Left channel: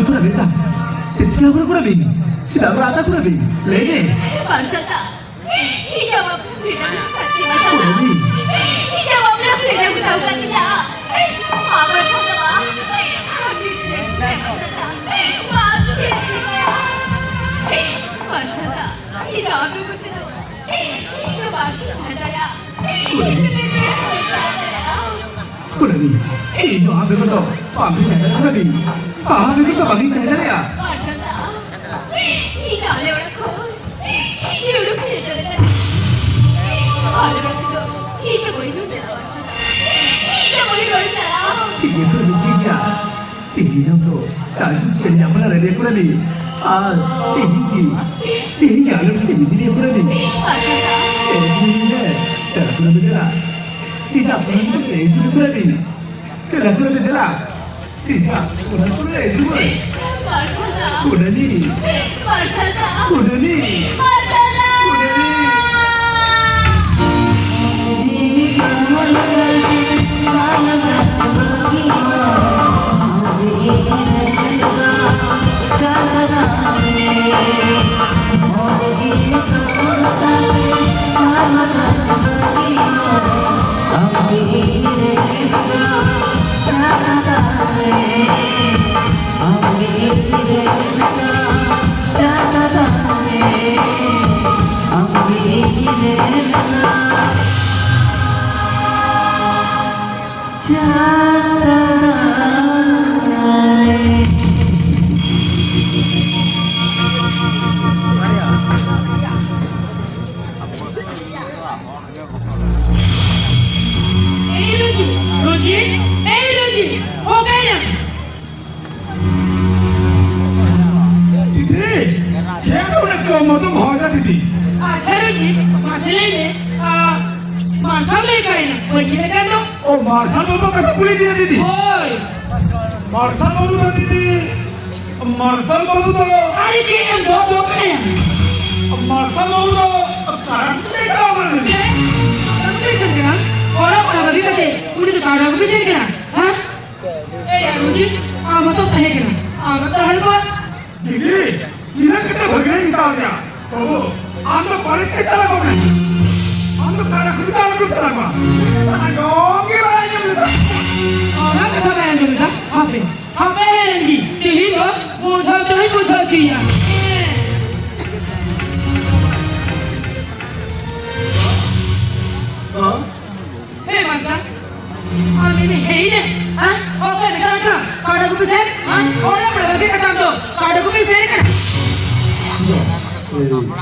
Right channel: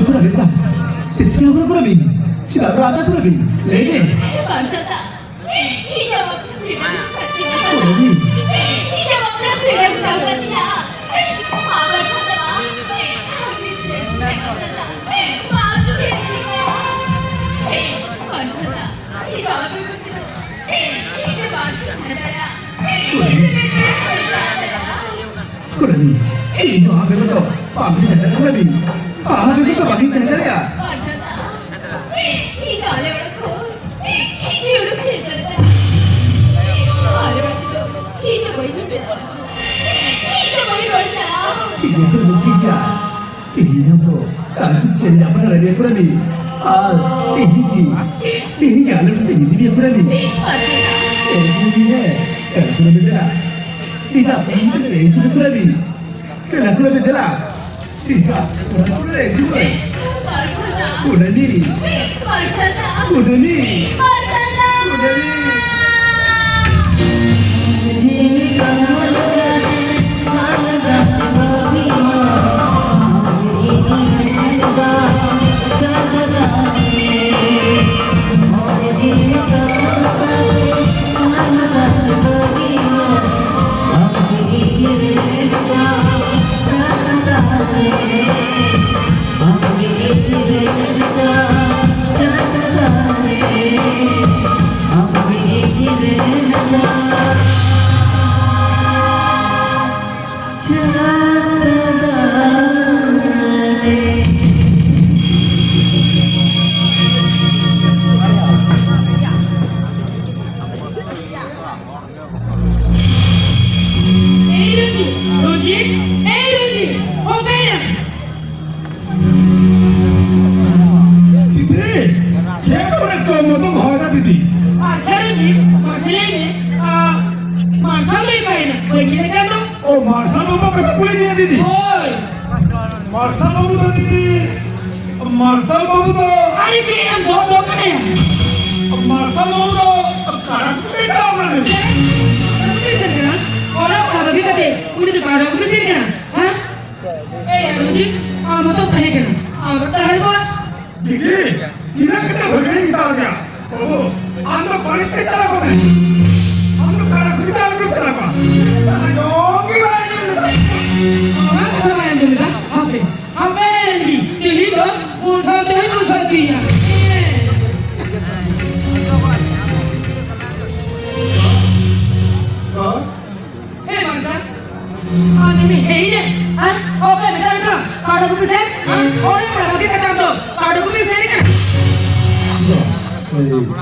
Aku pernah minta. Siapa pernah minta? Siapa rata pernah minta? Lene. Maksudnya, hijau tidak Oh, ini. hijau bapla tidak berangkat tidak. Mama sama, maaf maksudnya, hijau apa itu? Hijau bapla ada ya. Pernah minta. Ini maaf begitu. Paham tidak pernah minta. Paham begitu paham tidak ya? Maksudnya, hijau lewat khon, hijau lu tidak. Tidak boleh juga. Tidak boleh bersalah. Ini tu buktinya. Ini tu kasus jadi apa lagi aku ni? Ini kalau begini ni aku ni. Maksudnya, Ini kalau aku betul. Tidak pernah itu aku ni. Kalau aku betul. Tidak pernah itu. maksudnya, Sudah ni. maksudnya, Sudah ni. maksudnya. Sudah ni.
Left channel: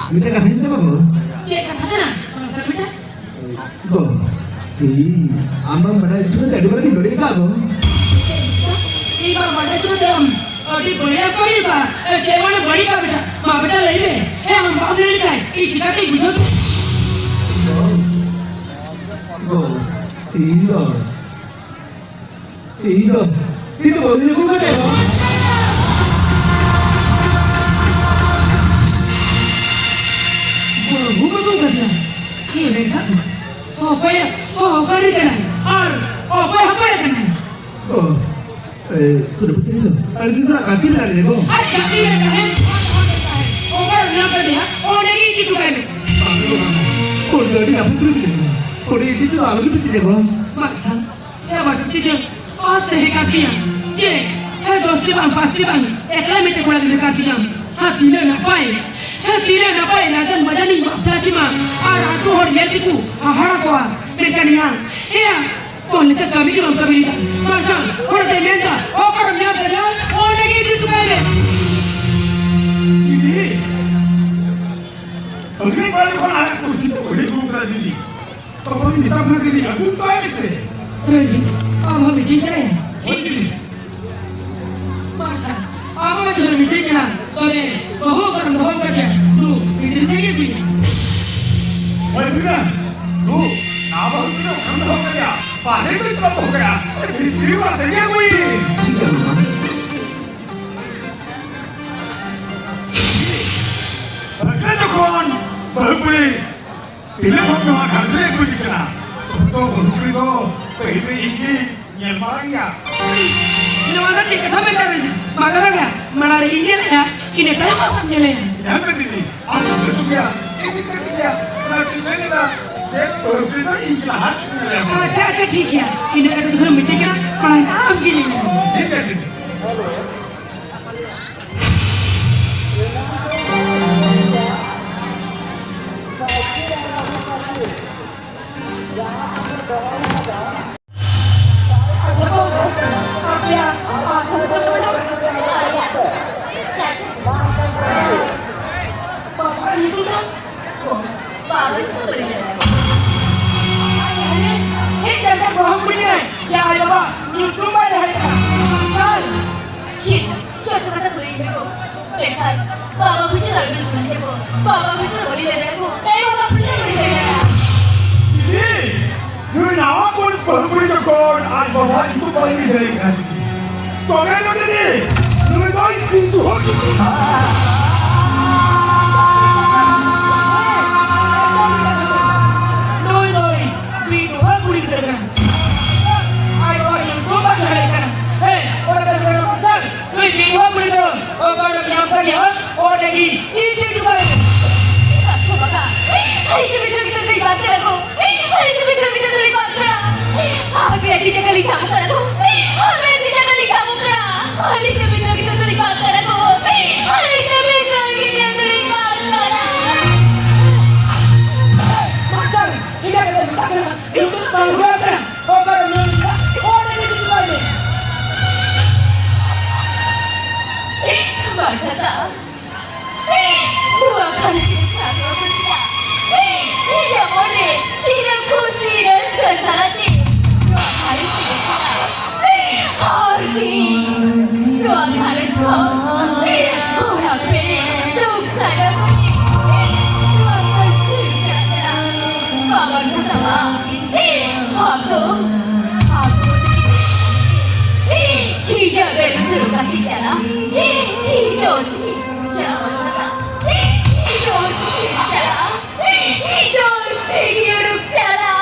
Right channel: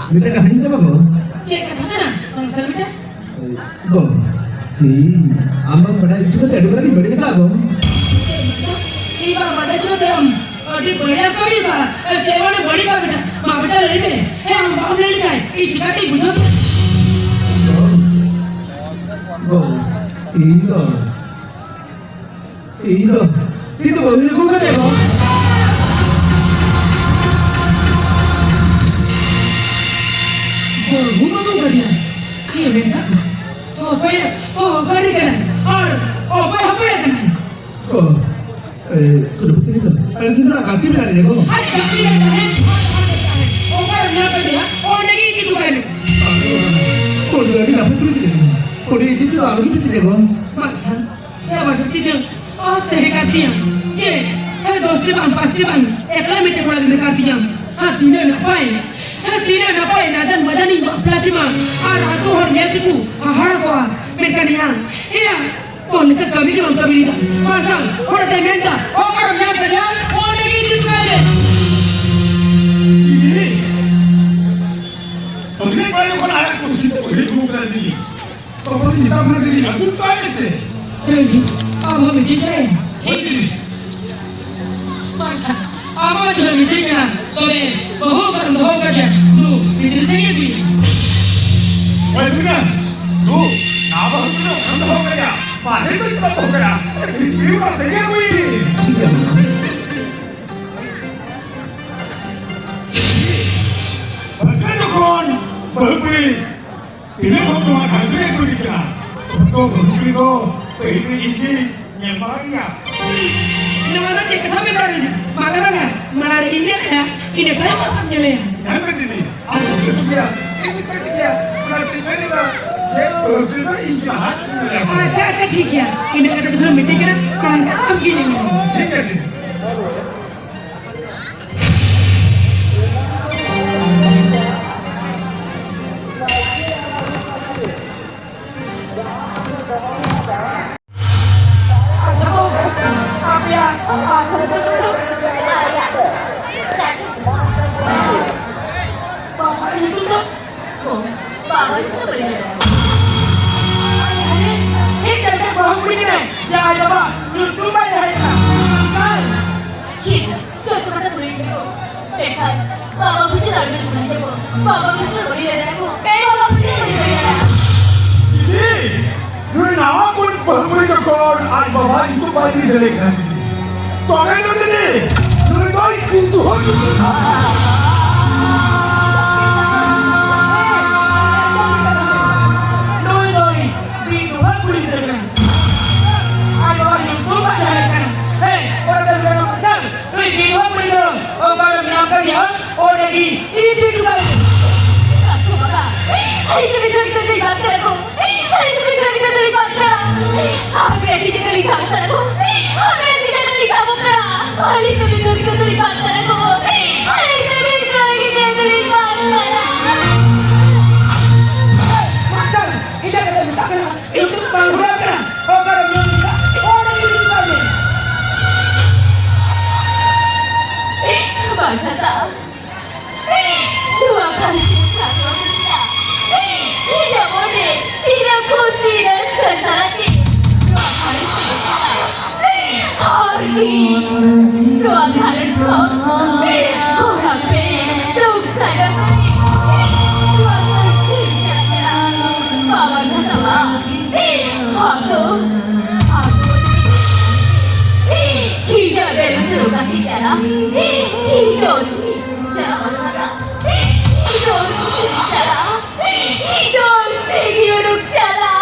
Kita kat sini apa? Cik kat sana, kalau saya minta. Oh, ini ambang pada juga tak ada berarti bagi kita apa? Iba pada juga. Adi banyak kami ba. Cik mana beri kami dah. Mak kita lagi ni. Hei, am bawa ni kan? Ini kita ni bukan. Oh, itu boleh juga tak? Bukan saja. Cik benda. Apa ya? Apa ni kan? Apa ya kan? Oh, sudah betul itu. Ada di mana kaki mana ni? Ada kaki mana dah? Opal nak dia? Oh lagi itu kan? Oh, jadi apa tu itu? Oh, itu apa tu itu? Masa, ya macam tu. Pasti kaki yang. Cik, hai dosti bang, pasti bang. Ekla mesti pula kaki yang. Tidak nampai, nanti macam ni berarti mah. Aku orang dia tipu, gua, mereka ni yang. Iya, boleh tak kami orang kami. Macam, orang saya minta, orang nak kerja, orang lagi di tukar ni. Ini, orang kalau kau nak kursi tu, boleh buka diri. Kalau kita buka diri, aku tak esok. Aku mesti cari. Masa. Apa macam ni kan? Tapi bahu kerja. Tu, itu saya beli. Boleh kan? Tu, apa tu? Anda bahu kerja. Pakai tu kita bahu kerja. Ini bukan saya kui. Kerja kon, berbeli. Ini semua kerja kui kita. Toto berbeli tu, beli ini, Nyel marahnya. Nama cik sampai dari mana mana ini ya ini berapa nyele Jangan berdiri. Aku kerja. Ini kerja. Berarti mana? Jadi berbeda ikhlas nyel. Saya ठीक है ini ada tuh meeting kan orang tahu gini Jadi. Dulu nama pun berhubung dengan anak bapak itu paling dilekan. Tolong ini, dulu kau pintu hati. Noi pintu hati dilekan. Ayo itu mana dilekan? Hei orang tadi jangan pasal. Noi pintu hati dilekan. Oh kalau bilang kali ya, oh lagi ini juga. Hari itu kita baca aku. Hari itu kita baca. Hari itu kita baca aku. Hari itu kita baca. Hari itu kita baca aku. Hari itu kita baca. Masal, ini kata kita kena. Itu bangunan kena. Oh kalau dia tidak, oh lagi itu kali. Masa tak? Dua kali kita. Tidak boleh, tidak kursi dan sekali. Dua kali Harbi, dua kali kurang tuk saja. Dua kali tidak Bapa salah. Aku tidak ada terus kasih jalan. Hidup jangan masalah. Hidup jalan. Hidup hidup jalan.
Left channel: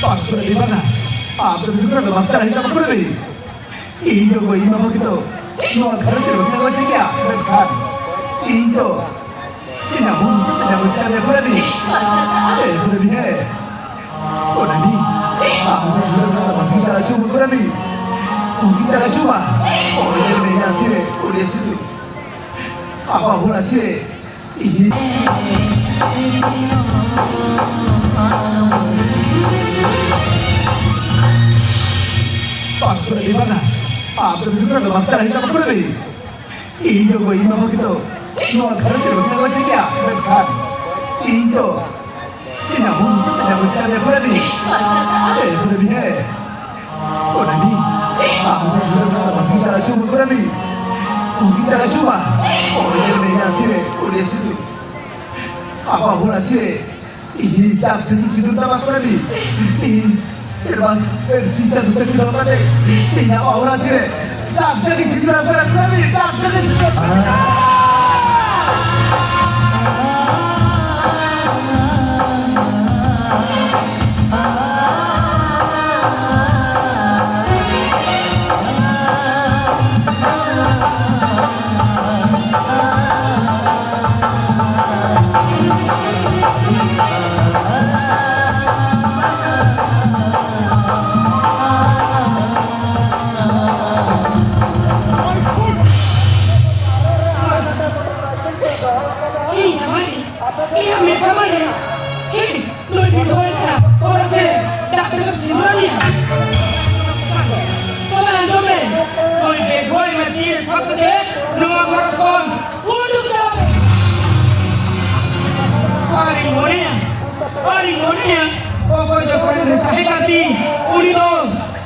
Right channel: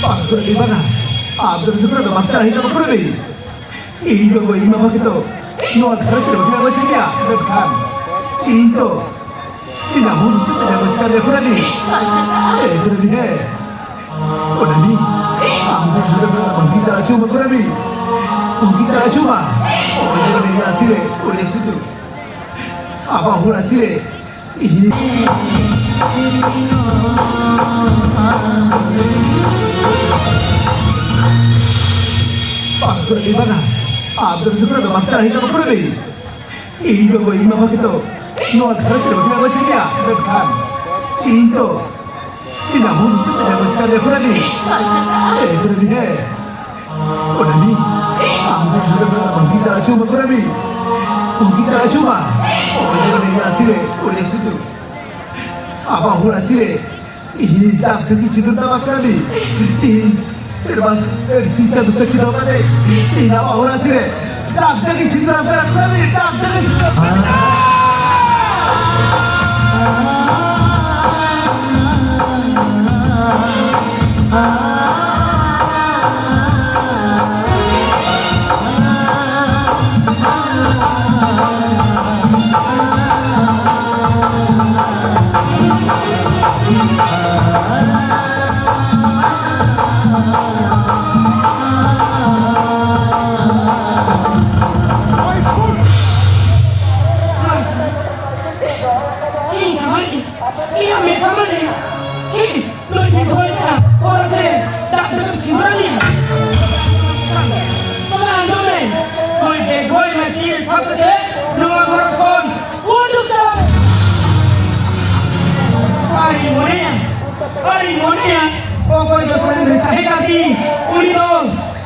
Pak, bagaimana? Benar-benar ada baca kita berdiri. Ini kau ini apa gitu? Semua harus sudah baca dia, kan? Ini tidak mungkin ada baca dia berdiri. Berdiri. Berani? Benar-benar bicara cuma berani. Bicara cuma. Oh ini nanti deh, boleh situ. Apa boleh sih? Pak, bagaimana? Benar-benar ada baca kita berdiri. Ini kau ini apa gitu? Semua harus sudah baca dia, kan? Ini tidak mungkin ada baca dia berdiri. Berdiri. Berani? Benar-benar bicara cuma berani. Bicara cuma. Oh ini nanti deh, boleh situ. Apa boleh sih? Ini tak pergi situ tak berani. Serba bersihkan bisa kita pada. Tidak apa boleh sih? Tak pergi situ tak berani. Tak pergi situ tak berani. Jadi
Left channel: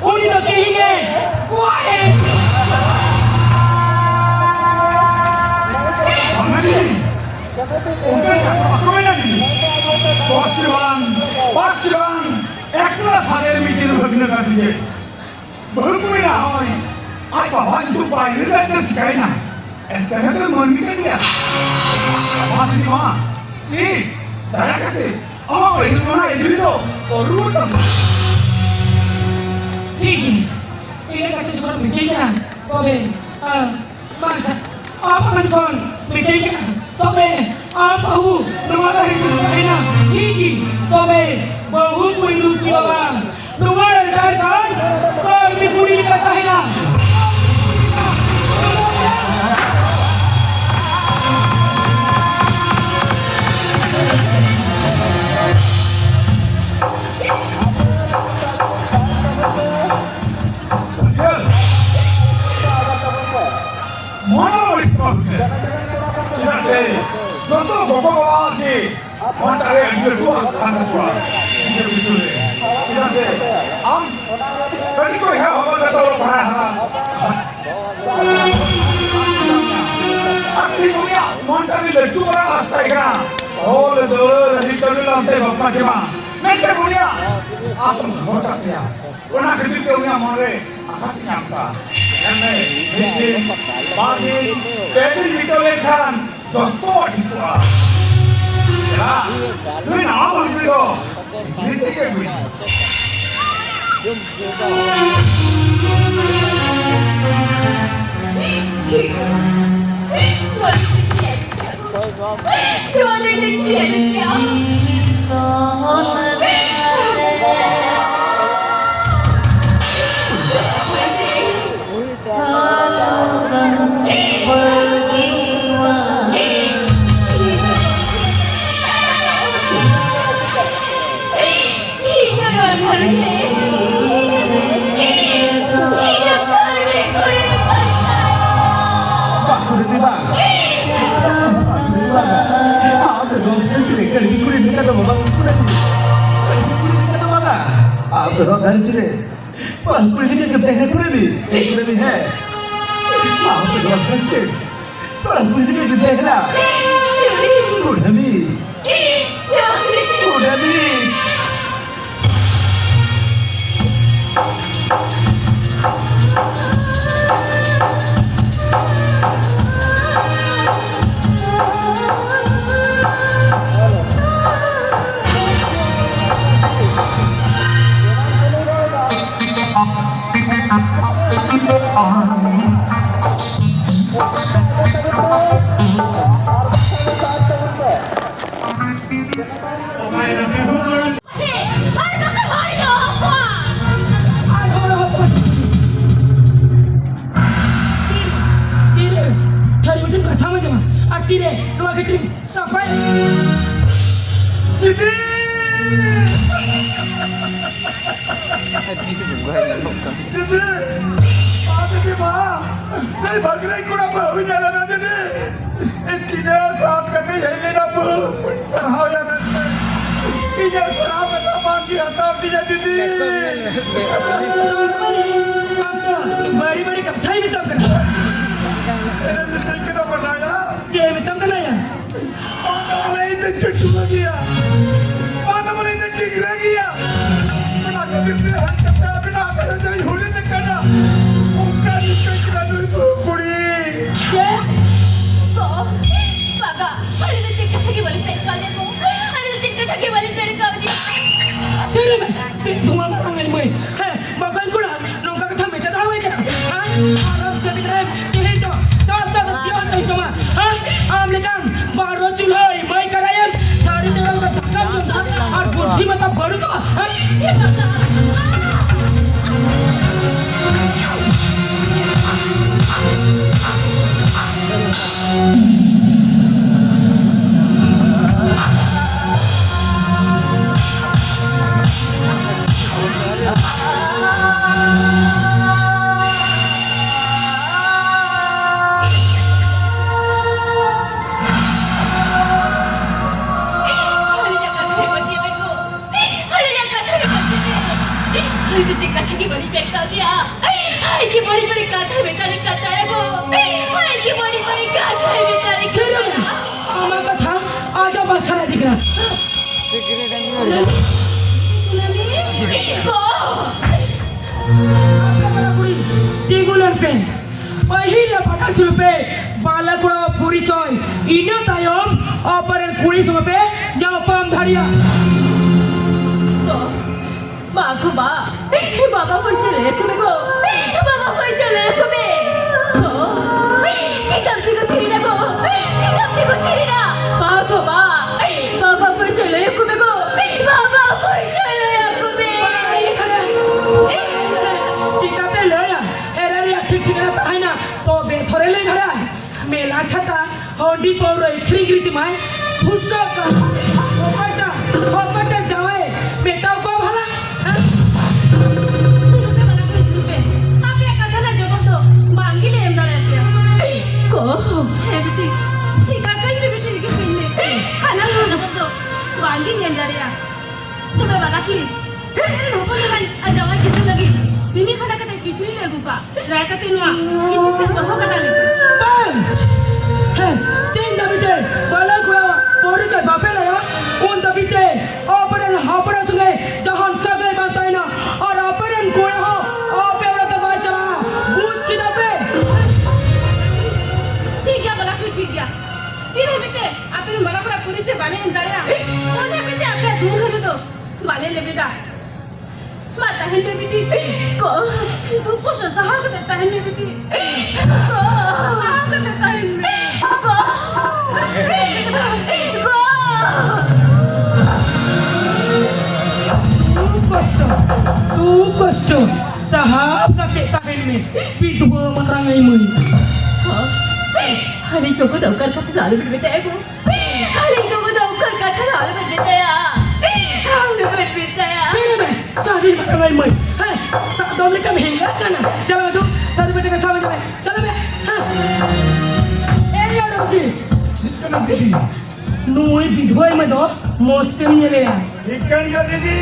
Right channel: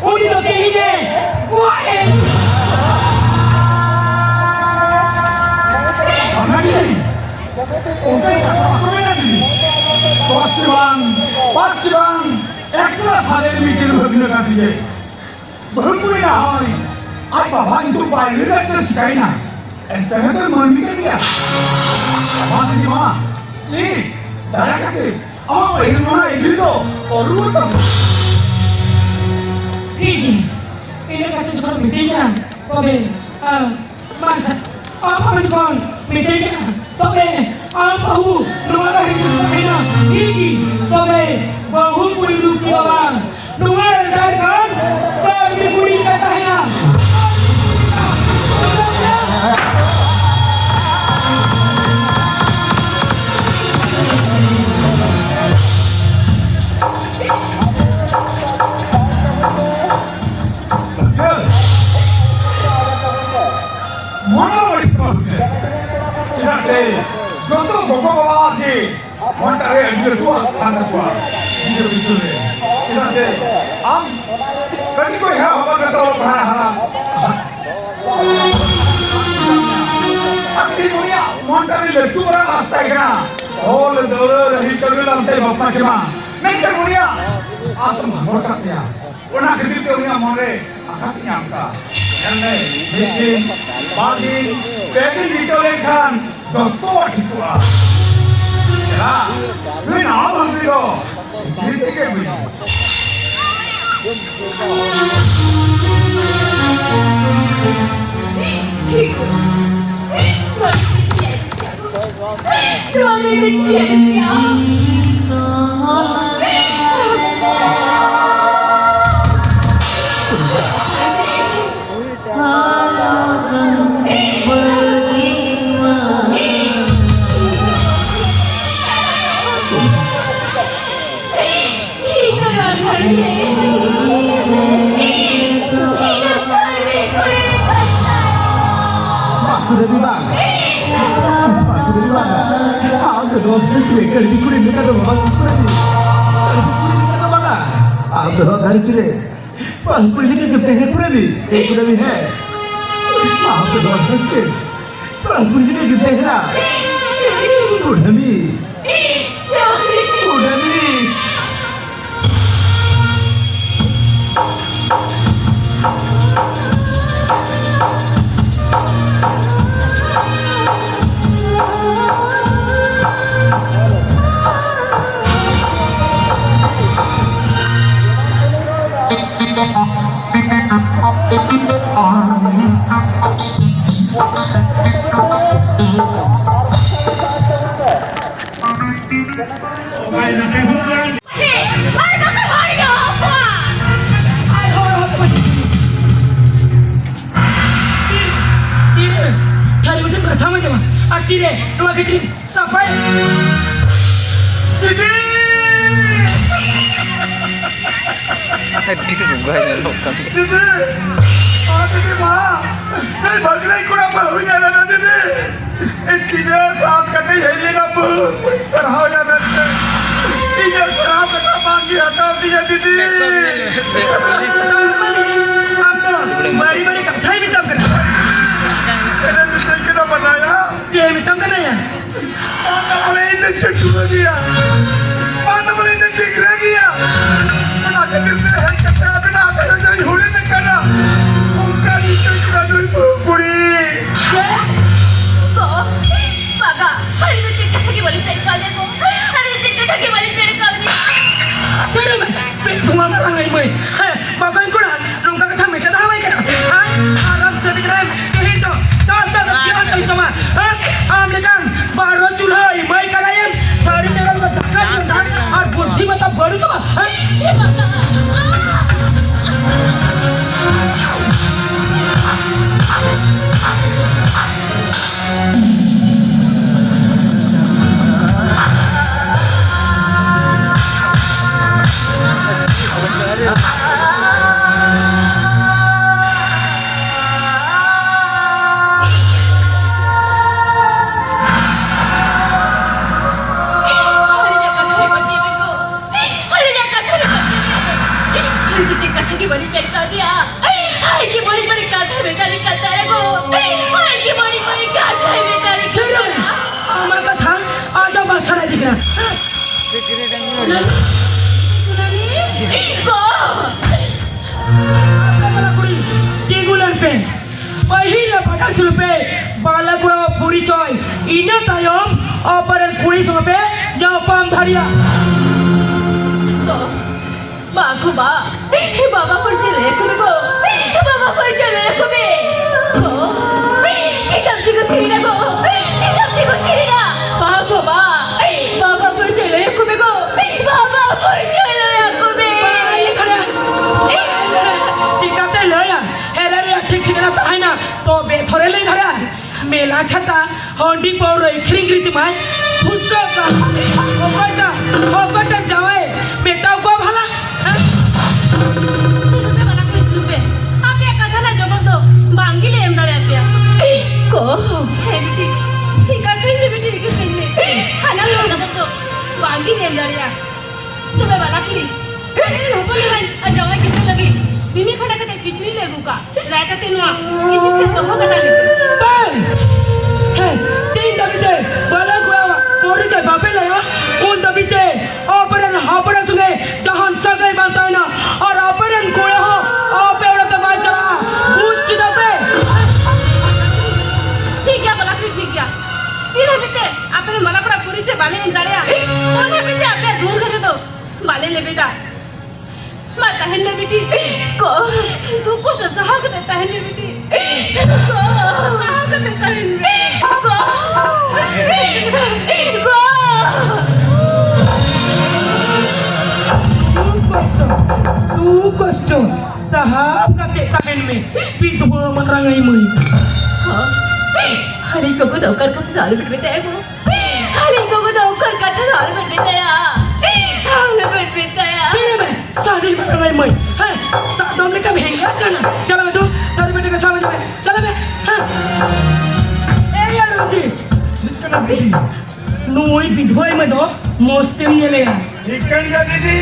unito tinggi kuat. Pasti bang, ekstra hari meeting begini kan dia. Berpuluh hari, apa bang itu bayar dan sekalian. Entah itu mandi kan dia. Apa ni mah? Ini darah kata. Oh, ini mana itu tu? Orang tu. Tinggi. Ini kata cuma meeting kan. Tobe, masa apa kan kon meeting kan? Tobe, apa hu? Nama hari itu sekalian. Tinggi. Tobe, bahu pun luki bang. Nama ada kan? Kau ni budi kata ya. Mana boleh tu? Jadi, contoh Gopal Runda di mana ada dua khana dua. Ini betul. Jadi, kali kau yang apa kata orang Bahasa. Akhir dunia mana ada dua orang asal kena. Oh, ledor, hari kalau lantai bapa cuma. Mereka dunia asal mereka dia. Orang kecil dunia mana akan nyamka. Karena ini bagi pedin itu lekhan Toto Tripura. Jadi, ini apa sih itu? Ini sekali begini. Sudah tiba. Sudah tiba. Aku dah terus kali ni kulit kita dah makan lagi. Kita mana? Aku dah dah curi. Pas kulit kita dah pernah ni. Pernah ni hai. Aku dah terus ke. Pas kulit kita dah lah. Pernah ni. Pernah ni. Sampai Tadi juga yang lokal. Didi, apa ni mah? Saya bagi lagi kurang bahu jalan nanti ni. Ini saat kami ini nabu, serhau yang nanti. Ini serhau kita bagi atau dia Didi. Mari kata ini tak kena. Ini bisa kita berdaya. Saya tak kena ya. Mana boleh ini cukup dia? Mana boleh ini tinggi lagi ya? Mana jadi saya kata bina kena jadi huri nak kena. Bukan itu kita dulu puri. So, baga, hari itu cekak lagi balik saya kalian mo. Hari itu cekak lagi balik saya kalian. Tidak, semua orang ini boy. Bapak kau nak nongka kata mereka tahu kan? Arab jadi keren, kehidup. Tak kian itu mah. Amlekan baru julai, baik kalian. Baru jalan ke takkan jalan. Ar buddhi mata baru tu mah. Ya baga. Hari अरे तुझे कथा की बड़ी बेकार दिया हाय की बड़ी कथा बेकारी करता है गो हाय की बड़ी कथा बेकारी करता আমার কথা আজ অবস্থা নাই দিকে Tigulan pahila pada culpe bala kura puri coy ina tayom operan puri sope japam dharia तो बागु बा बाबा पर चले कुरगो बाबा पर चले कुबे तो सीधम की को थीरी ना गो सीधम की को थीरी ना बागु बा बाबा पर चले कुबे गो बाबा पर चले कुबे चिकाते लया एरे ठीक ना ताना तो बेथरे ले धरा मेला छता हंडी पौर खिरिगिति माय फुसो का ओबटा जावे बेटा को भला तुझे वाला कुछ रुपए आप ये कथा ना जब तो मांगी ले हम डरे को है बेटी ठीक है कहीं बेटी के कहीं खाना लो जब तो मांगी ले हम डरे तुम्हें वाला प्लीज होपन लाइन जावे कितने लगी बिमी खड़ा करते खिचड़ी लेगू का राय करते ना ये चीज के तो होगा ना बन हे तीन दबिते बला को पौड़ी के बापे लया उन दबिते ऑपरेशन हापरा सुने जहां सगल बात ना और ऑपरेशन कुड़े हो ऑपरेशन तो बात चला भूत की दबे ठीक है बोला ठीक है फिर हमें के अपन मला पूरा पूरी से वाले इंजाड़िया उन्हें भी आपने दूर कर दो वाले ले बेटा माता है ले बेटी को तू कुछ सहाग देता है ले बेटी को सहाग देता है को तू कष्ट साहब का के कमेंट में विधवा मन रंगाई मुई हरी को दौकर का दाल बिट बेटा है हरी को दौकर का दाल बिट बेटा है बिट बेटा है तेरे में सारी में रंगाई मुई है सादों में कम हेंगा करना चलो तू सारी बेटे का सामने में चलो बे ए यार जी चिकन दीदी नोई विधवा में दो मस्ती में ले चिकन का दीदी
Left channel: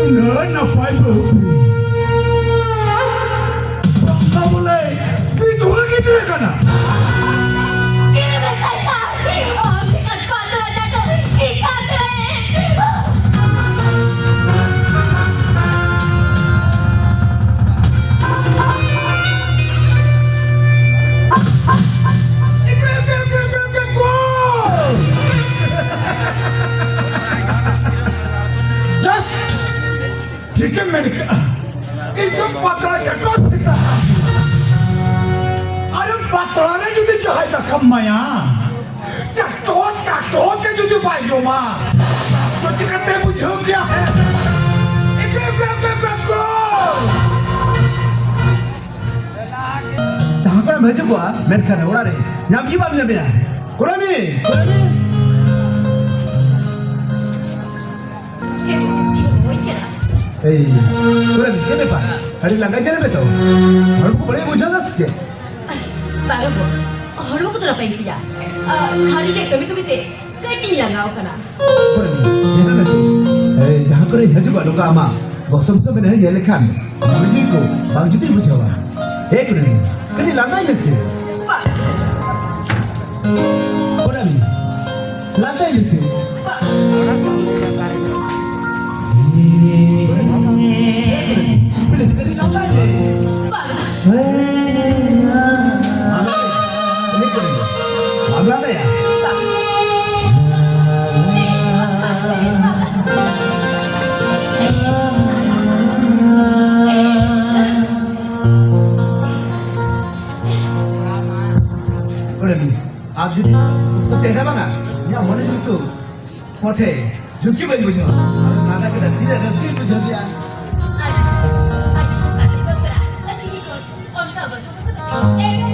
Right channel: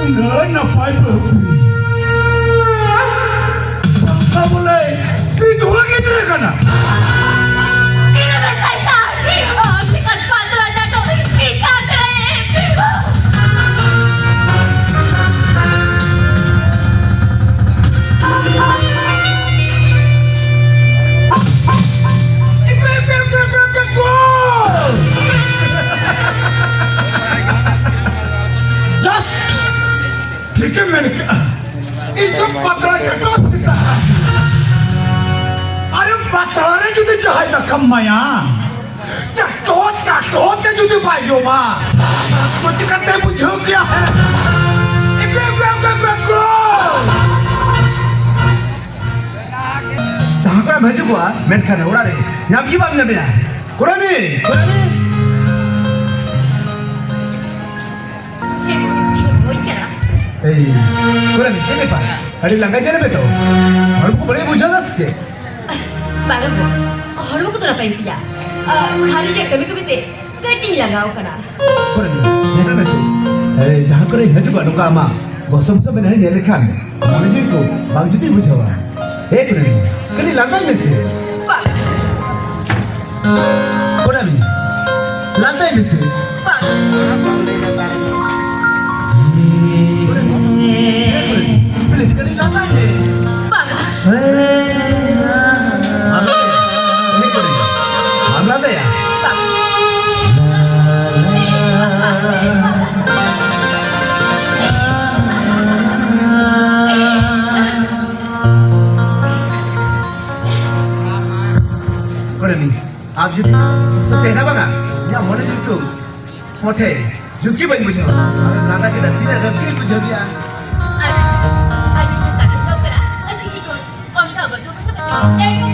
Enggak, ngapain berhubung? Tak boleh. Itu lagi tidak kena. Tidak berkata Sikat patra jatuh Sikat ठीक है मैंने कहा itu patra kertas kita. Ayo patranya jadi cahaya kamaya. Cakot के जुदी भाई जो माँ कुछ करते बुझो क्या साहब भेजो बुआ मैं खाना उड़ा रहे यहाँ की बात नहीं है कुरानी कुरानी ये देखा अरे लगा जरा बेटा और को बड़े बुझा ना सके बालक और लोग तो ना पाएंगे या खाने के कभी ते कटी लगाओ करा कुरानी ये ना अरे जहाँ करे भेजो बुआ लोग आमा गौसम सब नहीं नेले खान मुझे को बांजुती बुझावा एक नहीं कहीं लगा में से कुरानी लगा में से Please, kali lata je. बागा Ini kali. Amla ada ya? Kurang ni. आप जितना सब देखा बना या मनुष्य itu मोटे झुकी बन बुझो और नागा के नदी ने रस्सी बुझो दिया Aji kata dokter, aji ikut om tahu gak suka suka.